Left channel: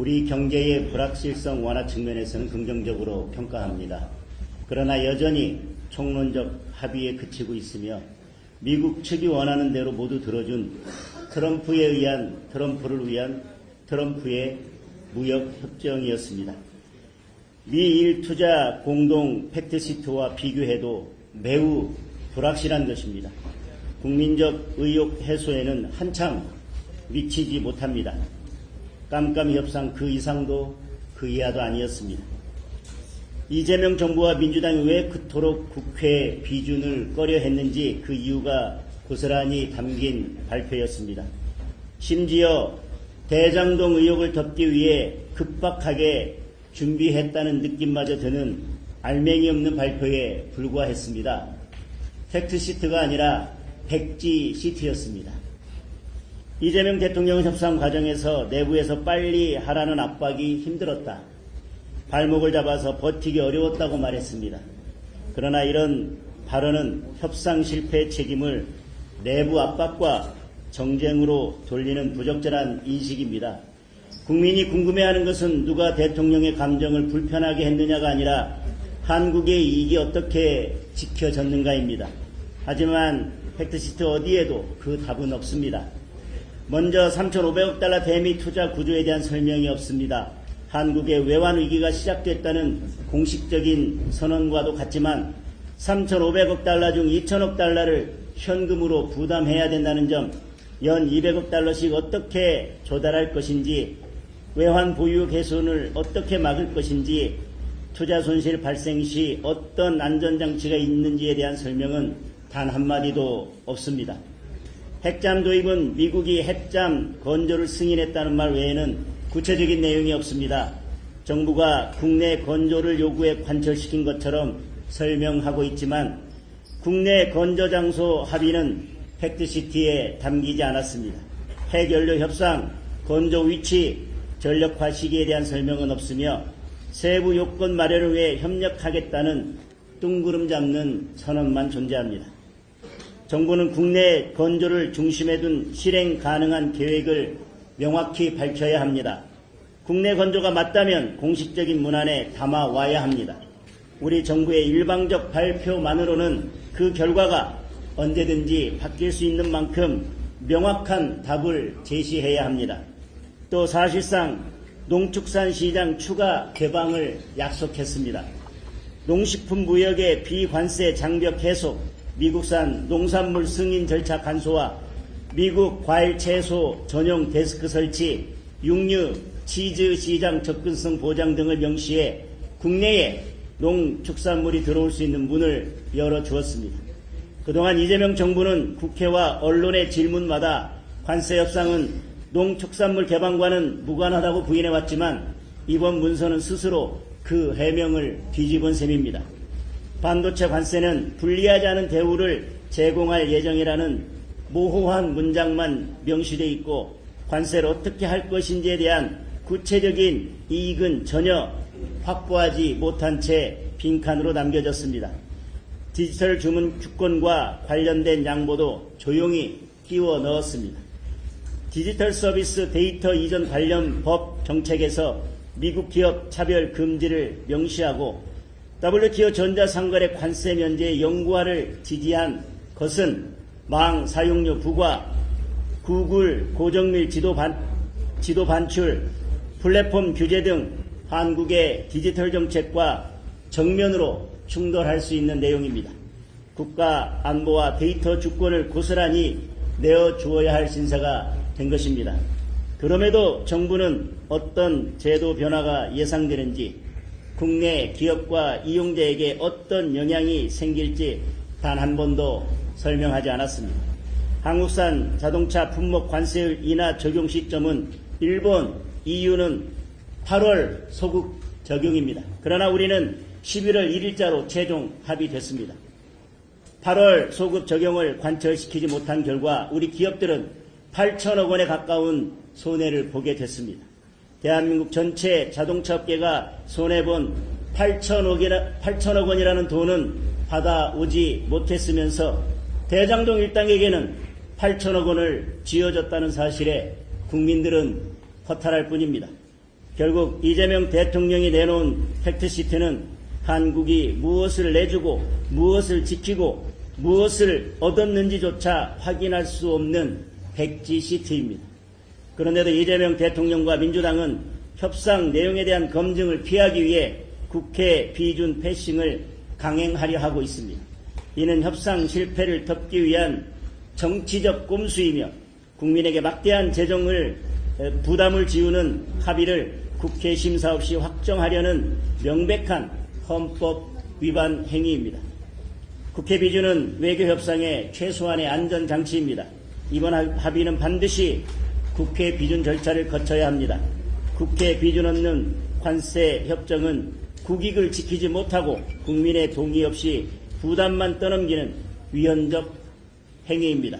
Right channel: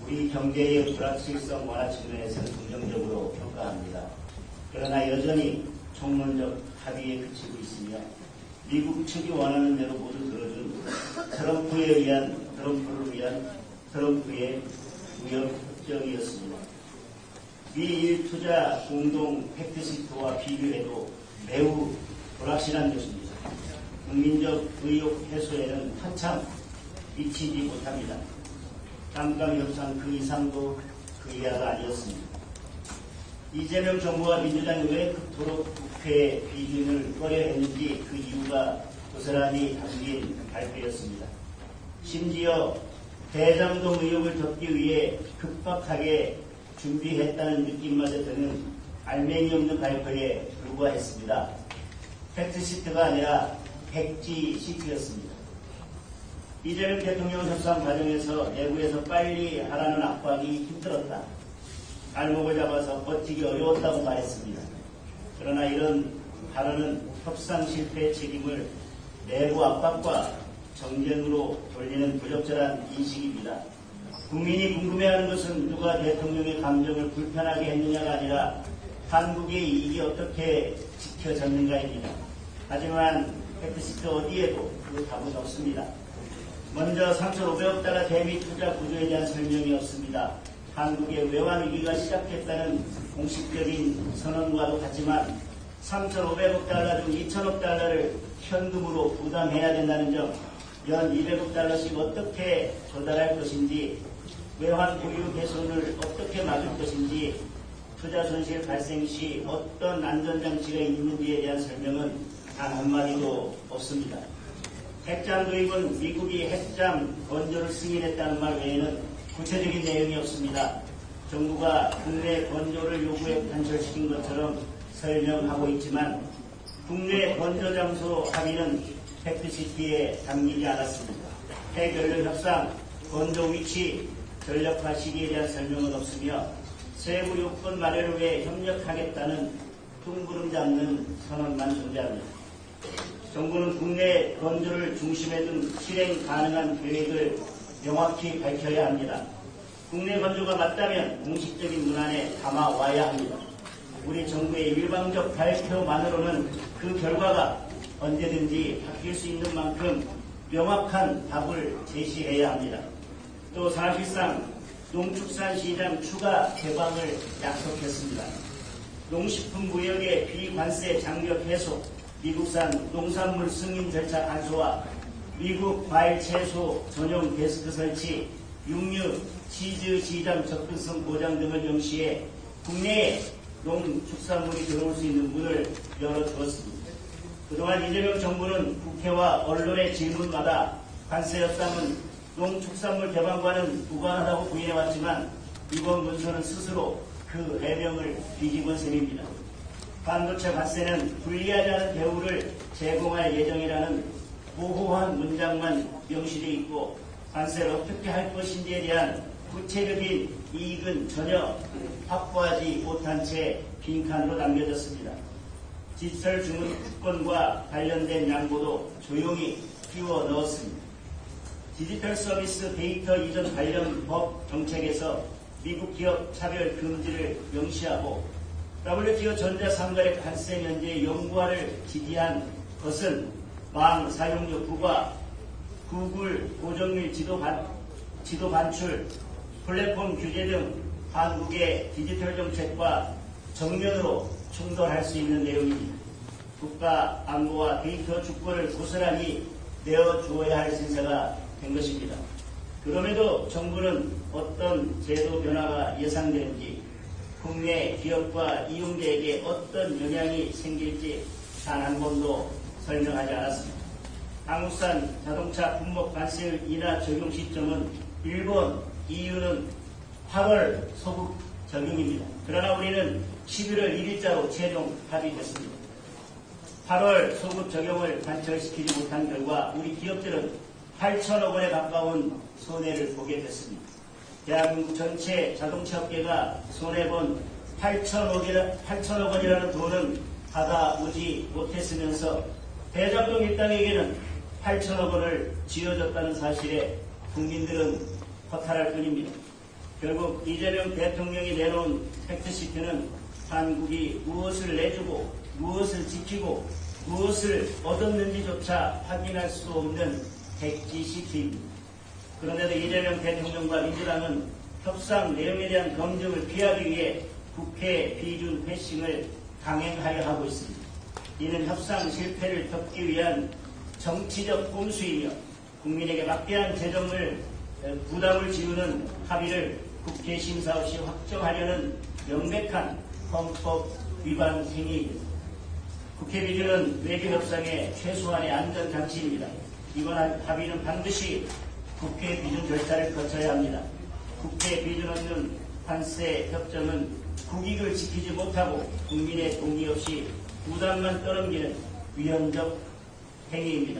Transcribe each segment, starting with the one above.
우리 경제의 불확실성 완화 측면에서는 긍정적으로 평가합니다. 그러나 여전히 총론적 합의에 그치고 있으며 미국 측이 원하는 대로 모두 들어준 트럼프에 의한 트럼프를 위한 트럼프의 무역 협정이었습니다. 미일 투자 공동 팩트시트와 비교해도 매우 불확실한 것입니다. 국민적 의혹 해소에는 한참 미치지 못합니다. 깜깜이 협상 그 이상도 그 이하도 아니었습니다. 이재명 정부와 민주당이 왜 그토록 국회 비준을 꺼려 했는지 그 이유가 고스란히 담긴 발표였습니다. 심지어 대장동 의혹을 덮기 위해 급박하게 준비했다는 느낌마저 드는 알맹이 없는 발표에 불과했습니다. 팩트 시트가 아니라 백지 시트였습니다. 이재명 대통령 협상 과정에서 내부에서 빨리 하라는 압박이 힘들었다. 발목을 잡아서 버티기 어려웠다고 말했습니다. 그러나 이런 발언은 협상 실패 책임을 내부 압박과 정쟁으로 돌리는 부적절한 인식입니다. 국민이 궁금해하는 것은 누가 대통령의 감정을 불편하게 했느냐가 아니라 한국의 이익이 어떻게 지켜졌는가입니다. 하지만 팩트시트 어디에도 그 답은 없습니다. 먼저 3,500억 달러 대미 투자 구조에 대한 설명이 없습니다. 한국의 외환 위기가 시작됐다는 공식적인 선언과도 같지만 3,500억 달러 중 2,000억 달러를 현금으로 부담해야 된다는 점, 연 200억 달러씩 어떻게 조달할 것인지, 외환 보유 개선을 어떻게 막을 것인지, 투자 손실 발생 시 어떤 안전장치가 있는지에 대한 설명은 단 한마디도 없습니다. 핵잠 도입은 미국이 핵잠 건조를 승인했다는 말 외에는 구체적인 내용이 없습니다. 정부가 국내 건조를 요구해 관철시킨 것처럼 설명하고 있지만 국내 건조 장소 합의는 팩트시티에 담기지 않았습니다. 핵연료 협상, 건조 위치, 전력화 시기에 대한 설명은 없으며 세부 요건 마련을 위해 협력하겠다는 뚱구름 잡는 선언만 존재합니다. 정부는 국내 건조를 중심에 둔 실행 가능한 계획을 명확히 밝혀야 합니다. 국내 건조가 맞다면 공식적인 문안에 담아와야 합니다. 우리 정부의 일방적 발표만으로는 그 결과가 언제든지 바뀔 수 있는 만큼 명확한 답을 제시해야 합니다. 또 사실상 농축산 시장 추가 개방을 약속했습니다. 농식품 무역의 비관세 장벽 해소, 미국산 농산물 승인 절차 간소화, 미국 과일 채소 전용 데스크 설치, 육류, 치즈 시장 접근성 보장 등을 명시해 국내에 농축산물이 들어올 수 있는 문을 열어주었습니다. 그동안 이재명 정부는 국회와 언론의 질문마다 관세 협상은 농축산물 개방과는 무관하다고 부인해왔지만 이번 문서는 스스로 그 해명을 뒤집은 셈입니다. 반도체 관세는 불리하지 않은 대우를 제공할 예정이라는 모호한 문장만 명시되어 있고 관세를 어떻게 할 것인지에 대한 구체적인 이익은 전혀 확보하지 못한 채 빈칸으로 남겨졌습니다. 디지털 주문 주권과 관련된 양보도 조용히 끼워 넣었습니다. 디지털 서비스 데이터 이전 관련 법 정책에서 미국 기업 차별 금지를 명시하고 W기업 전자상거래 관세 면제 연구화를 지지한 것은 망 사용료 부과, 구글 고정밀 지도, 반, 지도 반출, 플랫폼 규제 등 한국의 디지털 정책과 정면으로 충돌할 수 있는 내용입니다. 국가 안보와 데이터 주권을 고스란히 내어주어야 할 신사가 된 것입니다. 그럼에도 정부는 어떤 제도 변화가 예상되는지 국내 기업과 이용자에게 어떤 영향이 생길지 단 한 번도 설명하지 않았습니다. 한국산 자동차 품목 관세 인하 적용 시점은 일본, EU는 8월 소급 적용입니다. 그러나 우리는 11월 1일자로 최종 합의됐습니다. 8월 소급 적용을 관철시키지 못한 결과 우리 기업들은 8천억 원에 가까운 손해를 보게 됐습니다. 대한민국 전체 자동차 업계가 손해본 8천억이나, 8천억 원이라는 돈은 받아오지 못했으면서 대장동 일당에게는 8천억 원을 쥐어줬다는 사실에 국민들은 허탈할 뿐입니다. 결국 이재명 대통령이 내놓은 팩트시트는 한국이 무엇을 내주고 무엇을 지키고 무엇을 얻었는지조차 확인할 수 없는 백지 시트입니다. 그런데도 이재명 대통령과 민주당은 협상 내용에 대한 검증을 피하기 위해 국회 비준 패싱을 강행하려 하고 있습니다. 이는 협상 실패를 덮기 위한 정치적 꼼수이며 국민에게 막대한 재정을 에, 부담을 지우는 합의를 국회 심사 없이 확정하려는 명백한 헌법 위반 행위입니다. 국회 비준은 외교 협상의 최소한의 안전 장치입니다. 이번 합의는 반드시 국회 비준 절차를 거쳐야 합니다. 국회 비준 없는 관세 협정은 국익을 지키지 못하고 국민의 동의 없이 부담만 떠넘기는 위헌적 행위입니다.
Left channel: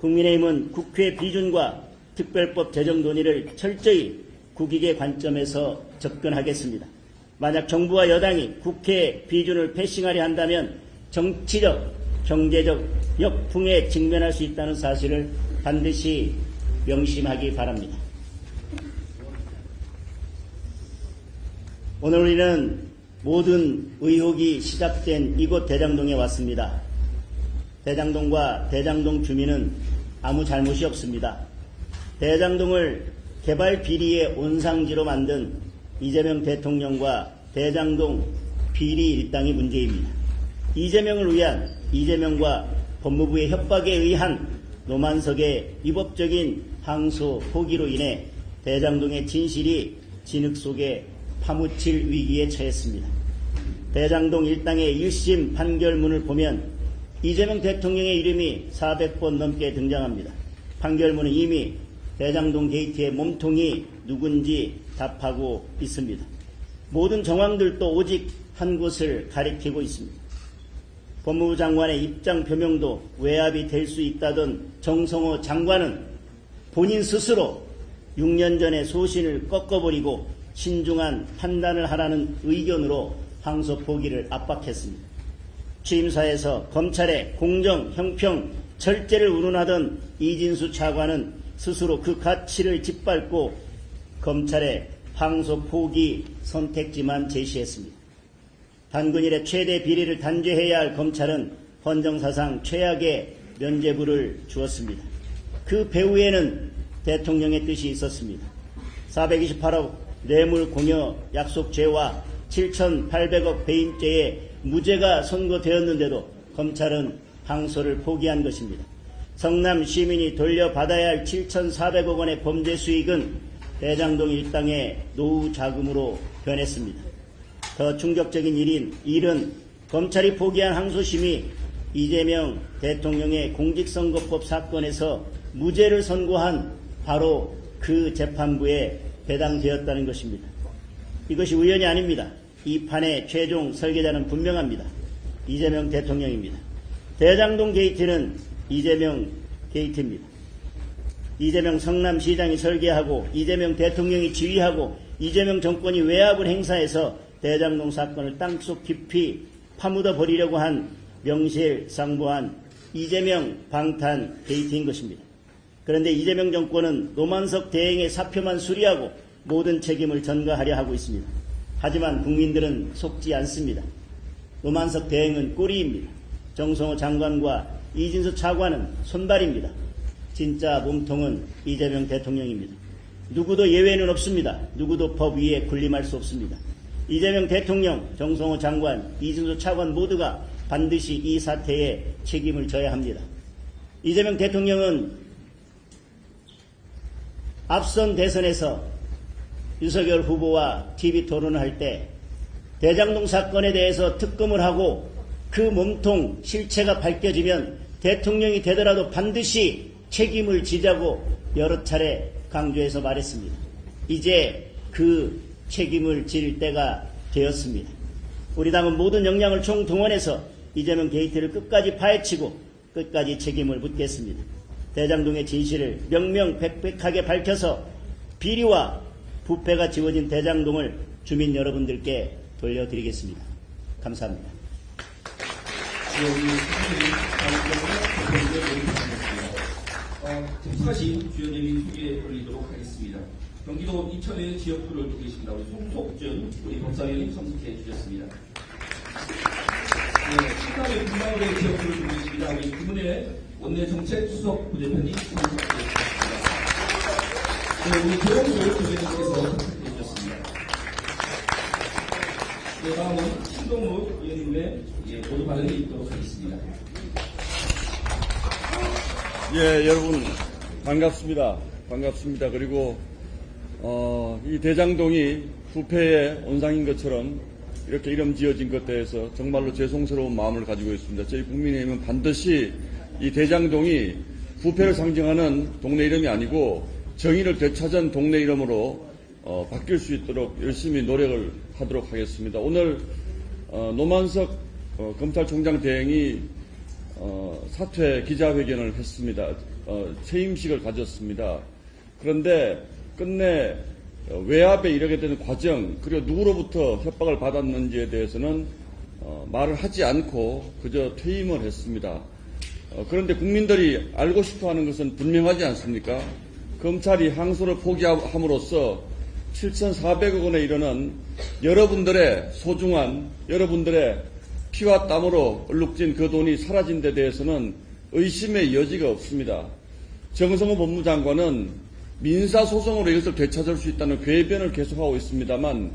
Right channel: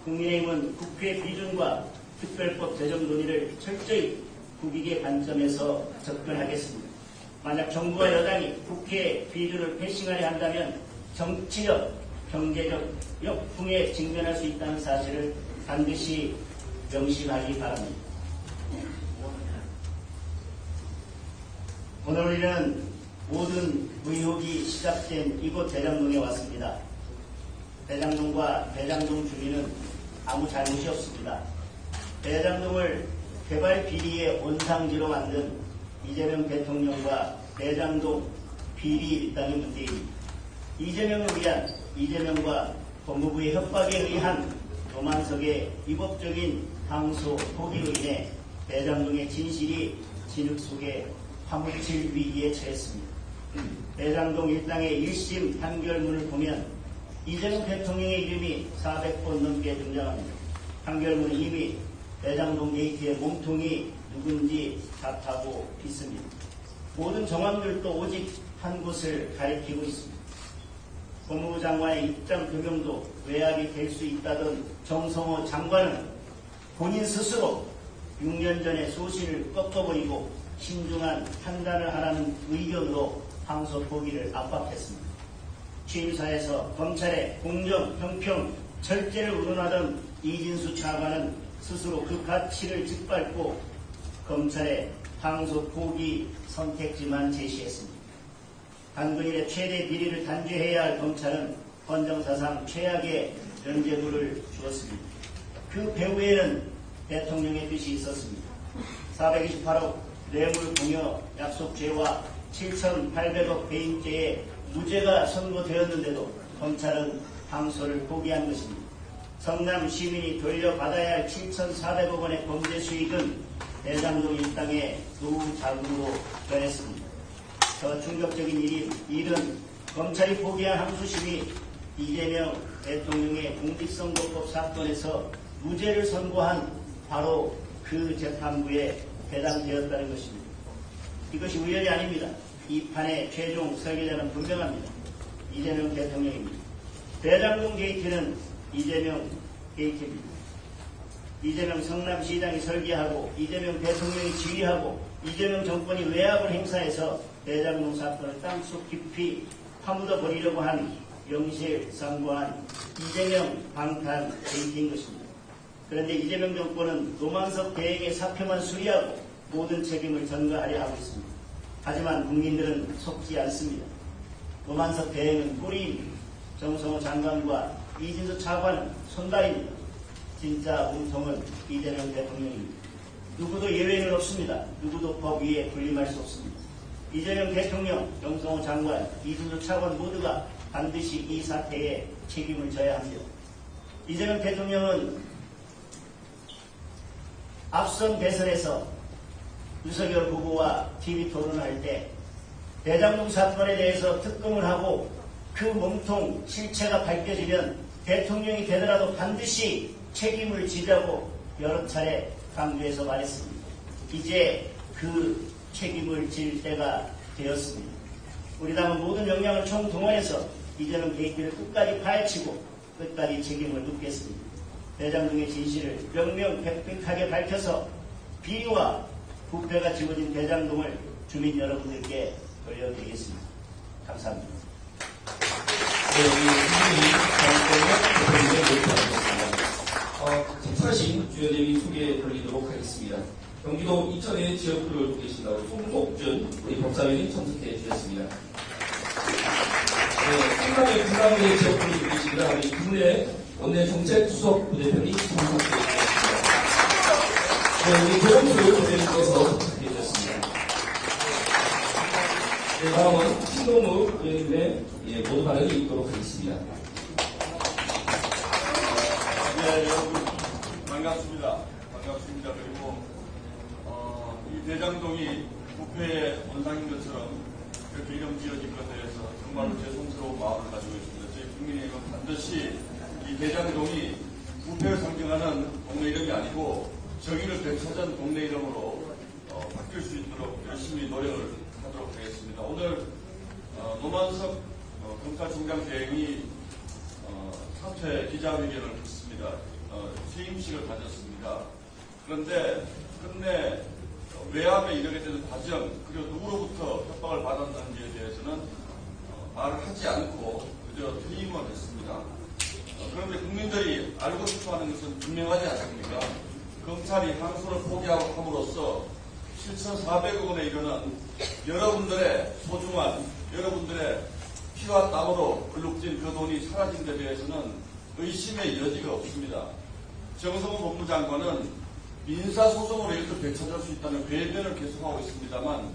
국민의힘은 국회 비준과 특별법 제정 논의를 철저히 국익의 관점에서 접근하겠습니다. 만약 정부와 여당이 국회 비준을 패싱하려 한다면 정치적, 경제적 역풍에 직면할 수 있다는 사실을 반드시 명심하기 바랍니다. 오늘 우리는 모든 의혹이 시작된 이곳 대장동에 왔습니다. 대장동과 대장동 주민은 아무 잘못이 없습니다. 대장동을 개발 비리의 온상지로 만든 이재명 대통령과 대장동 비리 일당의 문제입니다. 이재명을 위한 이재명과 법무부의 협박에 의한 노만석의 위법적인 항소 포기로 인해 대장동의 진실이 진흙 속에 파묻힐 위기에 처했습니다. 대장동 일당의 1심 판결문을 보면 이재명 대통령의 이름이 400번 넘게 등장합니다. 판결문은 이미 대장동 게이트의 몸통이 누군지 답하고 있습니다. 모든 정황들도 오직 한 곳을 가리키고 있습니다. 법무부 장관의 입장 표명도 외압이 될 수 있다던 정성호 장관은 본인 스스로 6년 전에 소신을 꺾어버리고 신중한 판단을 하라는 의견으로 항소 포기를 압박했습니다. 취임사에서 검찰의 공정, 형평, 절제를 운운하던 이진수 차관은 스스로 그 가치를 짓밟고 검찰의 항소 포기 선택지만 제시했습니다. 단군일의 최대 비리를 단죄해야 할 검찰은 헌정사상 최악의 면죄부를 주었습니다. 그 배후에는 대통령의 뜻이 있었습니다. 428억 뇌물 공여 약속죄와 7,800억 배임죄에 무죄가 선고되었는데도 검찰은 항소를 포기한 것입니다. 성남 시민이 돌려받아야 할 7,400억 원의 범죄 수익은 대장동 일당의 노후 자금으로 변했습니다. 더 충격적인 일인 일은 검찰이 포기한 항소심이 이재명 대통령의 공직선거법 사건에서 무죄를 선고한 바로 그 재판부에 배당되었다는 것입니다. 이것이 우연이 아닙니다. 이 판의 최종 설계자는 분명합니다. 이재명 대통령입니다. 대장동 게이트는 이재명 게이트입니다. 이재명 성남시장이 설계하고 이재명 대통령이 지휘하고 이재명 정권이 외압을 행사해서 대장동 사건을 땅속 깊이 파묻어 버리려고 한 명실상부한 이재명 방탄 게이트인 것입니다. 그런데 이재명 정권은 노만석 대행의 사표만 수리하고 모든 책임을 전가하려 하고 있습니다. 하지만 국민들은 속지 않습니다. 노만석 대행은 꼬리입니다. 정성호 장관과 이진수 차관은 손발입니다. 진짜 몸통은 이재명 대통령입니다. 누구도 예외는 없습니다. 누구도 법 위에 군림할 수 없습니다. 이재명 대통령, 정성호 장관, 이진수 차관 모두가 반드시 이 사태에 책임을 져야 합니다. 이재명 대통령은 앞선 대선에서 윤석열 후보와 TV 토론을 할 때 대장동 사건에 대해서 특검을 하고 그 몸통 실체가 밝혀지면 대통령이 되더라도 반드시 책임을 지자고 여러 차례 강조해서 말했습니다. 이제 그 책임을 질 때가 되었습니다. 우리 당은 모든 역량을 총동원해서 이재명 게이트를 끝까지 파헤치고 끝까지 책임을 묻겠습니다. 대장동의 진실을 명명백백하게 밝혀서 비리와 부패가 지워진 대장동을 주민 여러분들께 돌려드리겠습니다. 감사합니다. 네, 우리. 어, 특별신 주요 내용 소개 돌리도록 하겠습니다. 경기도 이천의 지역구를 계십니다. 송속준 우리 법사위원이 참석해 주셨습니다. 네, 상담의 부산의 지역구를 계십니다. 우리 국내 원내 정책 수석 참석해 주셨습니다. 네, 우리 조영수 대변인께서 해주셨습니다. 네, 다음은 신동욱 의원님의 예, 모두 발언이 있도록 하겠습니다. 예, 여러분 반갑습니다. 반갑습니다. 그리고 어, 이 대장동이 부패의 온상인 것처럼 이렇게 이름 지어진 것에 대해서 정말로 죄송스러운 마음을 가지고 있습니다. 저희 국민의힘은 반드시 이 대장동이 부패를 상징하는 동네 이름이 아니고 정의를 되찾은 동네 이름으로 어, 바뀔 수 있도록 열심히 노력을 하도록 하겠습니다. 오늘 어, 노만석 어, 검찰총장 대행이 어, 사퇴 기자회견을 했습니다. 어, 퇴임식을 가졌습니다. 그런데 끝내 어, 외압에 이르게 되는 과정 그리고 누구로부터 협박을 받았는지에 대해서는 어, 말을 하지 않고 그저 퇴임을 했습니다. 어, 그런데 국민들이 알고 싶어하는 것은 분명하지 않습니까? 검찰이 항소를 포기함으로써 7,400억 원에 이르는 여러분들의 소중한 여러분들의 피와 땀으로 얼룩진 그 돈이 사라진 데 대해서는 의심의 여지가 없습니다. 정성호 법무장관은 민사소송으로 이것을 되찾을 수 있다는 궤변을 계속하고 있습니다만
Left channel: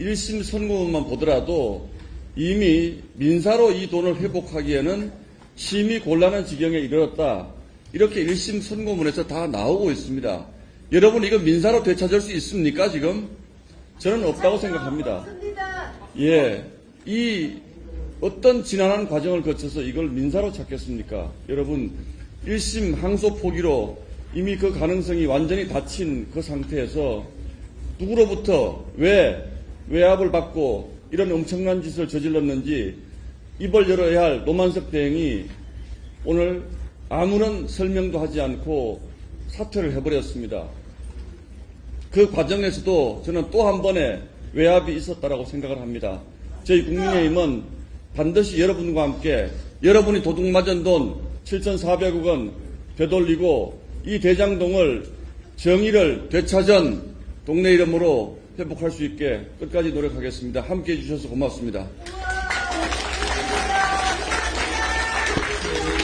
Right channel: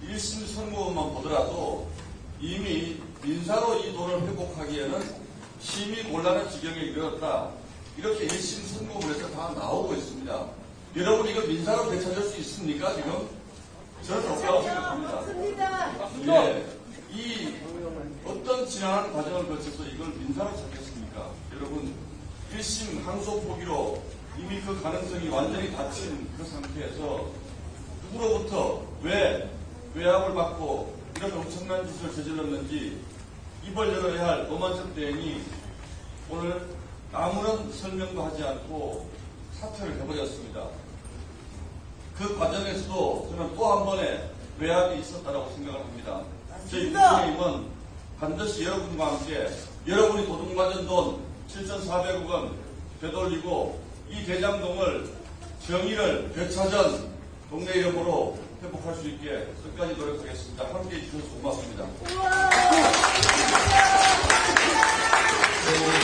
1심 선고문만 보더라도 이미 민사로 이 돈을 회복하기에는 심히 곤란한 지경에 이르렀다. 이렇게 1심 선고문에서 다 나오고 있습니다. 여러분 이거 민사로 되찾을 수 있습니까 지금? 저는 없다고 생각합니다. 예, 이 어떤 지난한 과정을 거쳐서 이걸 민사로 찾겠습니까? 여러분, 1심 항소 포기로 이미 그 가능성이 완전히 닫힌 그 상태에서 누구로부터 왜 외압을 받고 이런 엄청난 짓을 저질렀는지 입을 열어야 할 노만석 대행이 오늘 아무런 설명도 하지 않고 사퇴를 해버렸습니다. 그 과정에서도 저는 또 한 번의 외압이 있었다라고 생각을 합니다. 저희 국민의힘은 반드시 여러분과 함께 여러분이 도둑 맞은 돈 7,400억 원 되돌리고 이 대장동을 정의를 되찾은 동네 이름으로 회복할 수 있게 끝까지 노력하겠습니다. 함께 해주셔서 고맙습니다.